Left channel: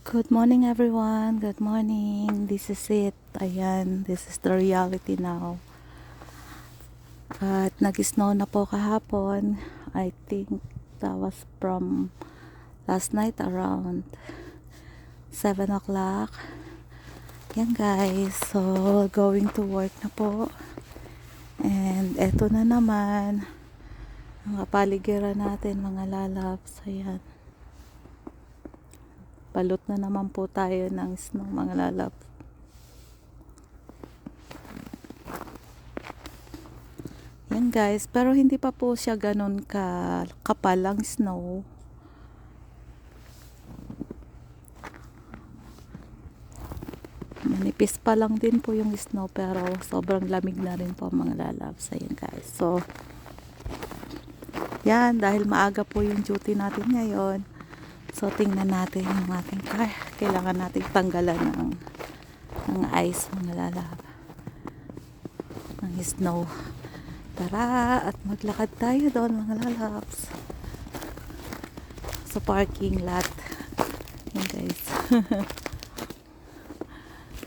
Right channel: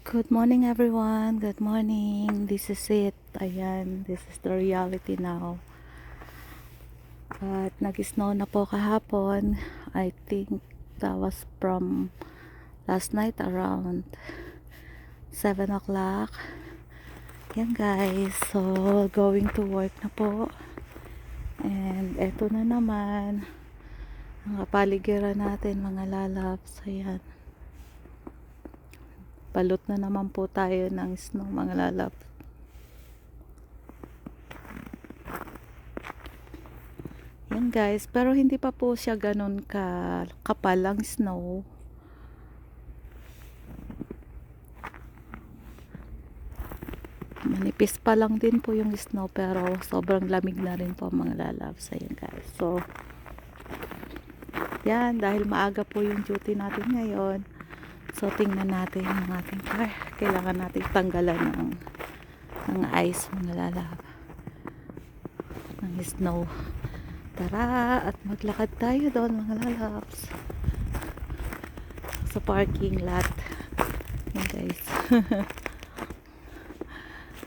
Good morning everyone. Good morning. This is it. Ayan, this is the reality now. At nag-snow na po kahapon. I think that was from last night around 7 o'clock. Yan guys. So, going to work na po. And eto na naman ang kapaligiran natin mga lalabs. Ayan. Balot na naman po tayo ng snow mga lalabs. Yan guys, pero hindi pa po siya ganun kapal ang snow. Manipis pa lang din po yung snow pero sobrang lamig na rin po mga lalabs. Ayan guys. So, yan, dahil maaga po yung duty natin ngayon. So, tingnan natin yung ating car. Kailangan natin tanggalan ng ice mga lalabs. Ng snow. Tara at maglakad tayo doon mga lalabs sa parking lot. Ayan guys.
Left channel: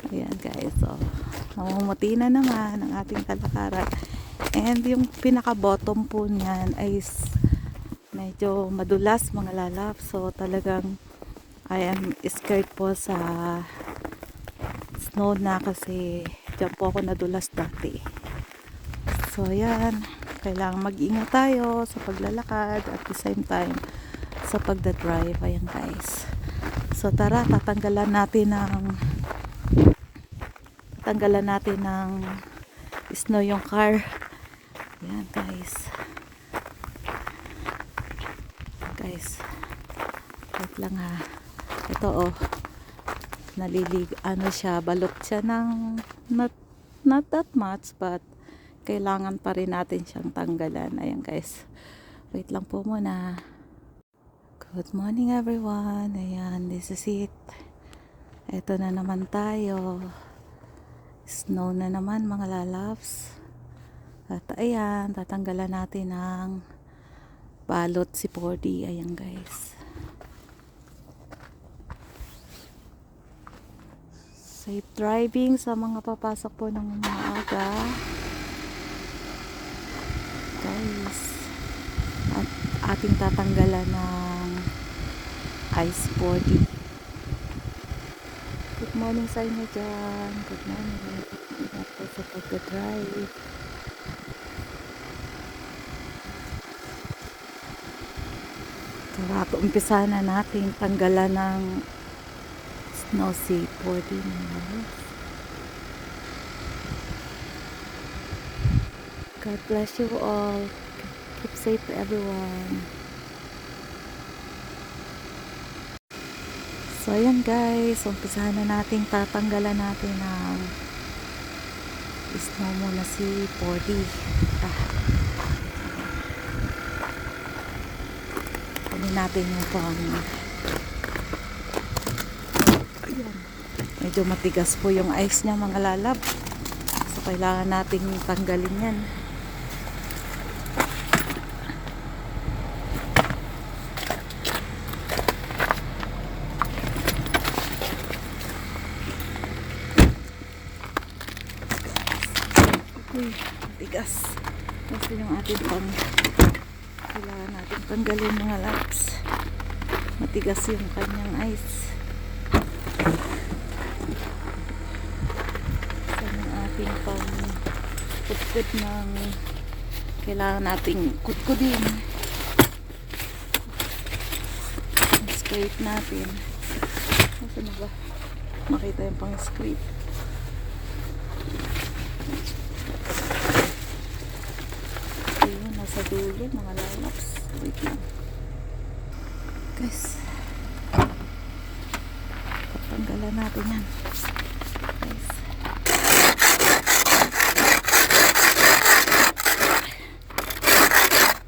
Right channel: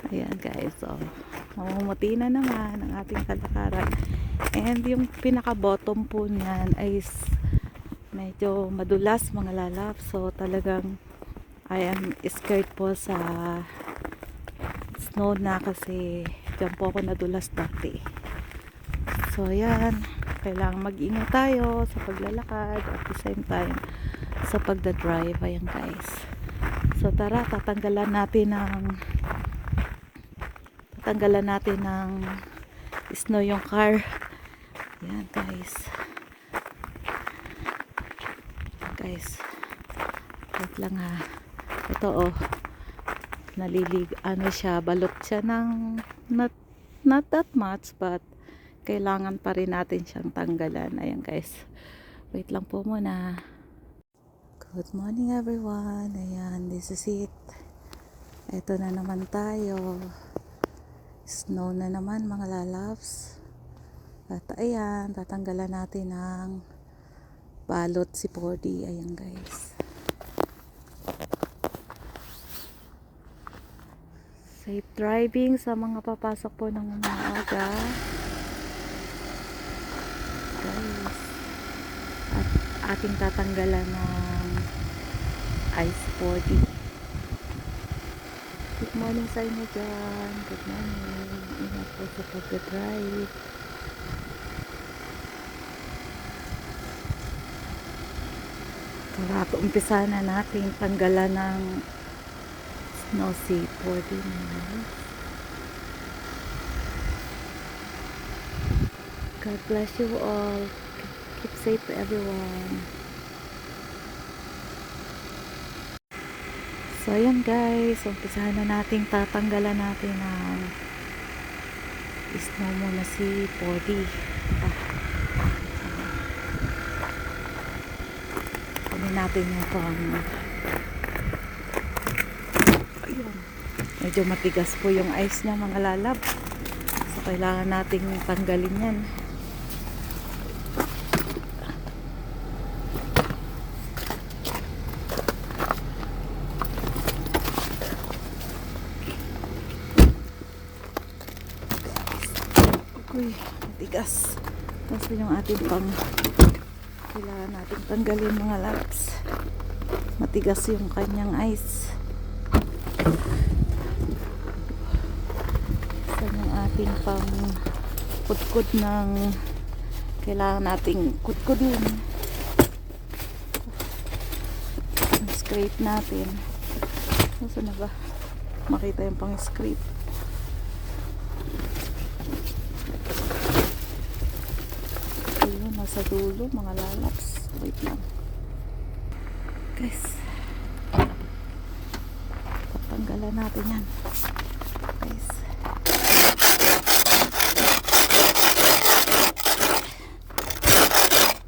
Ayan guys, so mamumuti na naman ang ating kalakaran, and yung pinaka bottom po niyan ay medyo madulas mga lalabs. So talagang I am scared po sa snow na kasi dyan po ako nadulas dati. So ayan, kailangan mag-ingat tayo sa paglalakad at the same time sa pagdadrive. Ayan guys. So tara, tatanggalan natin ng snow yung car. Ayan guys. Guys, wait lang ha. Ito siya, balot siya ng not that much, but kailangan pa rin natin siyang tanggalan. Ayan guys, wait lang po muna. Good morning everyone. Ayan, this is it. Ito na naman tayo. Snow na naman mga lalabs. At ayan, tatanggalan natin ng balot si 4D. Ayan guys. Safe driving sa mga papasok po ng umaga. Guys. At ating tatanggalan ng ice 4D. Good morning sa inyo dyan. Good morning. Ingat po sa pagdadrive. Tara, umpisa na natin tanggalan ng snow si 4D. God bless you all. Keep safe everyone. So ayan guys, umpisahan na natin, tatanggalan natin ng snow muna si 4D. Kunin natin yung ayan. Medyo matigas po yung ice niya mga lalab. So kailangan nating tanggalin yan. Uy, matigas. Kasi yung ating kailangan natin tanggalin mga laps. Matigas yung kanyang ice. So yung ating kudkud ng kailangan nating kudkudin. Scrape natin. Saan na ba? Makita yung pang scrape. Sa dulo mga lalaps. Wait lang guys, tatanggalan natin yan guys.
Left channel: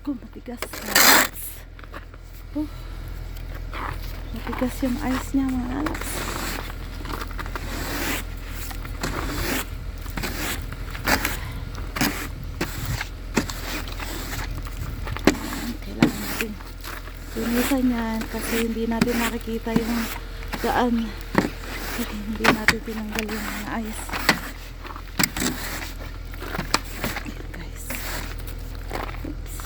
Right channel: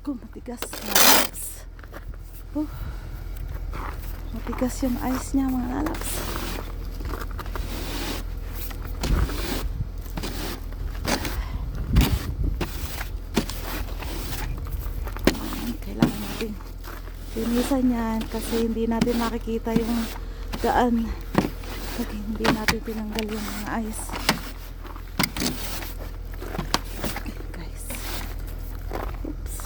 Matigas lalaps. Matigas yung ice niya mga lalaps. Linisan yan kasi hindi natin nakikita yung dadaan pag hindi natin tinanggal yung mga ice. Ayan, guys. Oops.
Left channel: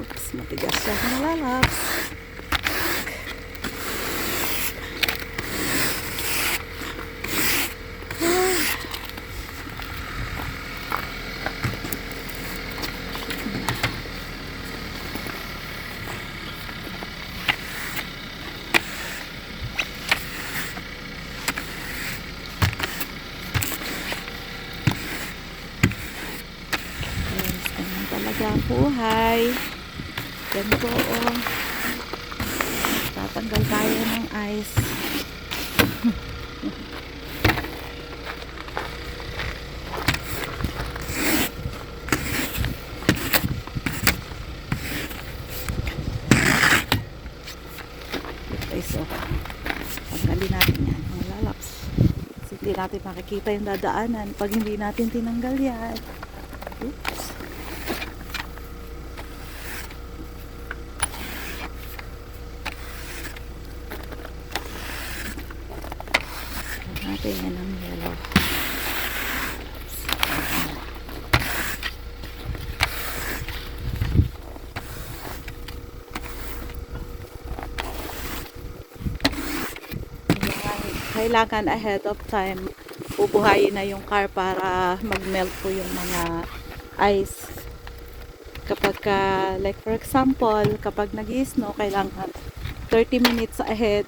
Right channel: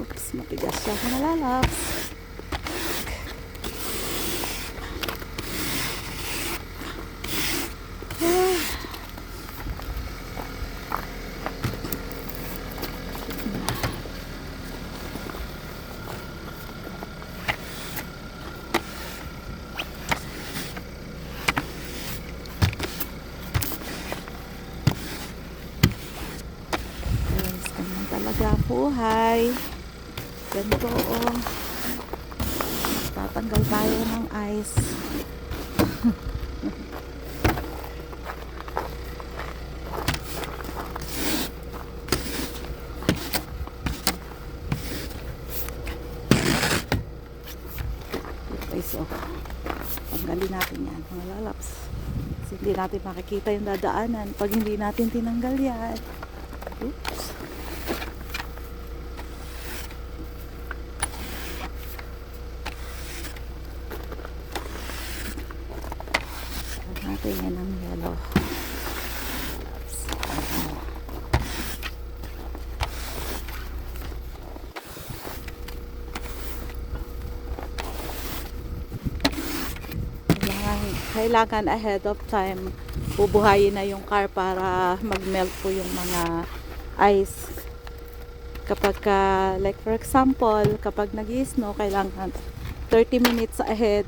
Oops, matigas siya, mga lalabs. Guys, ganyan talaga ang buhay. Ganito, oh. Tatanggal tayo ng ice. Guys, oh. Tanggalin natin yan, mga lalaps. Kasi hindi natin makikita yung dadaanan pag hindi natin tinanggal yan. Oops. Natin yan ang yellow. Kailangan ahead of time bubuhayin na yung car para mag-melt po yung mga ice. Kapag like for example, kapag nag-i-snow, kailangan 30 minutes ahead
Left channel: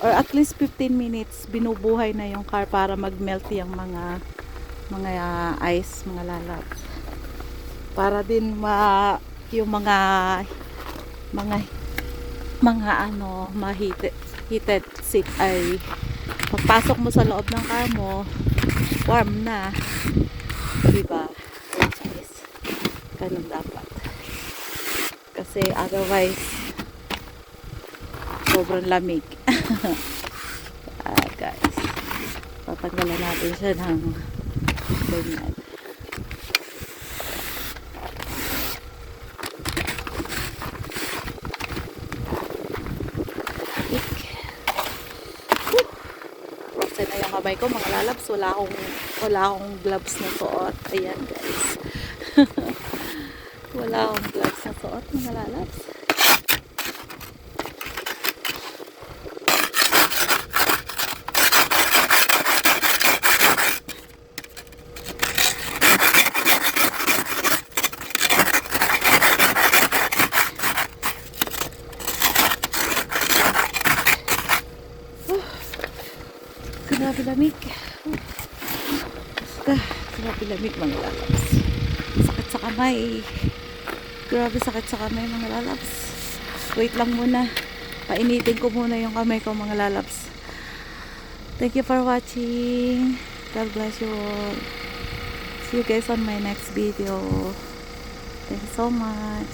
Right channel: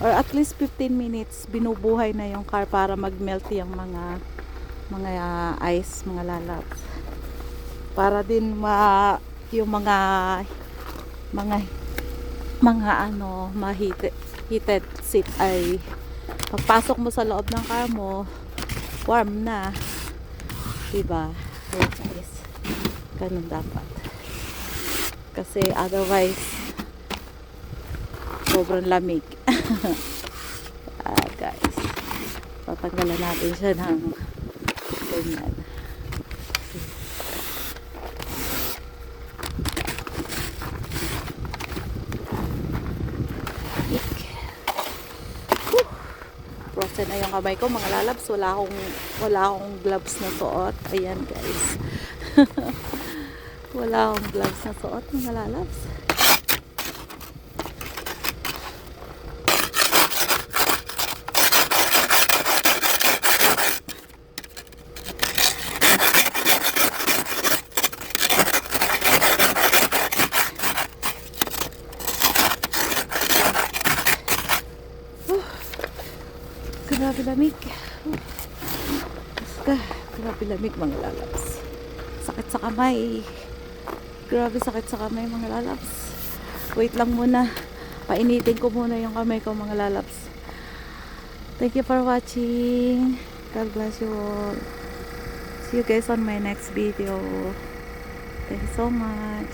or at least 15 minutes binubuhay na yung car para mag-melt yung mga ice, mga lalabs. Para din yung mga heated seat ay pagpasok mo sa loob ng car mo, warm na. Diba? Guys, ganun dapat. Kasi otherwise, sobrang lamig. Guys, tatanggalan natin siya ng ganyan. Frozen na yung kamay ko, mga lalabs. Wala akong gloves na suot. Ayan, guys. Wala akong gloves na suot, mga lalabs. Grabe lamig. Grabe lamig, mga lalabs. Sakit sa kamay. Grabe sakit sa kamay, mga lalabs. Wait lang muna. Painitin ko muna yung kamay ko, mga lalabs. Thank you for watching. God bless you all. See you guys on my next video. Thank you so much.